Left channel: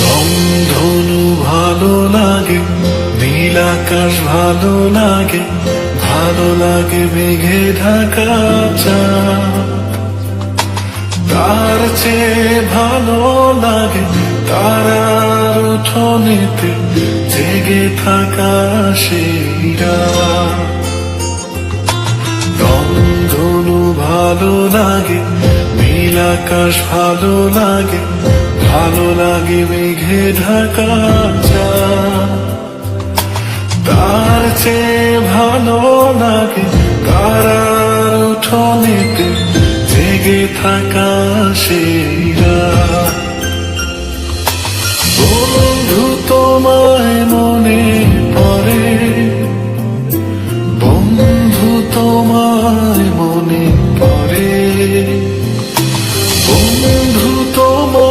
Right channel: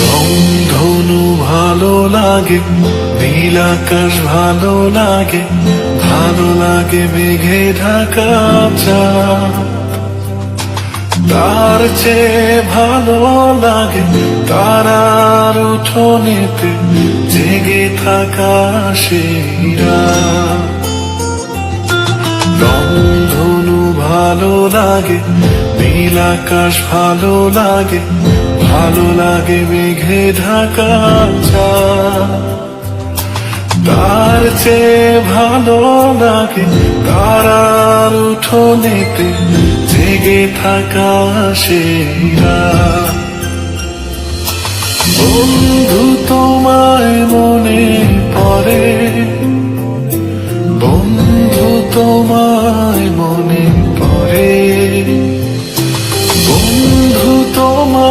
রংধনু ভালো লাগে, নীল আকাশ ভালো লাগে ভালো লাগে মেঘে ঢাকা চাঁদ। তার চেয়ে ভালো লাগে তারার উঠোনেতে জেগে থাকা রংধনু ভালো লাগে, নীল আকাশ ভালো লাগে ভালো লাগে মেঘে ঢাকা চাঁদ। তার চেয়ে ভালো লাগে তারার উঠোনেতে জেগে থাকা সেরা বন্ধু তোমায় মনে পড়ে, বন্ধু তোমায় করে বন্ধু তোমার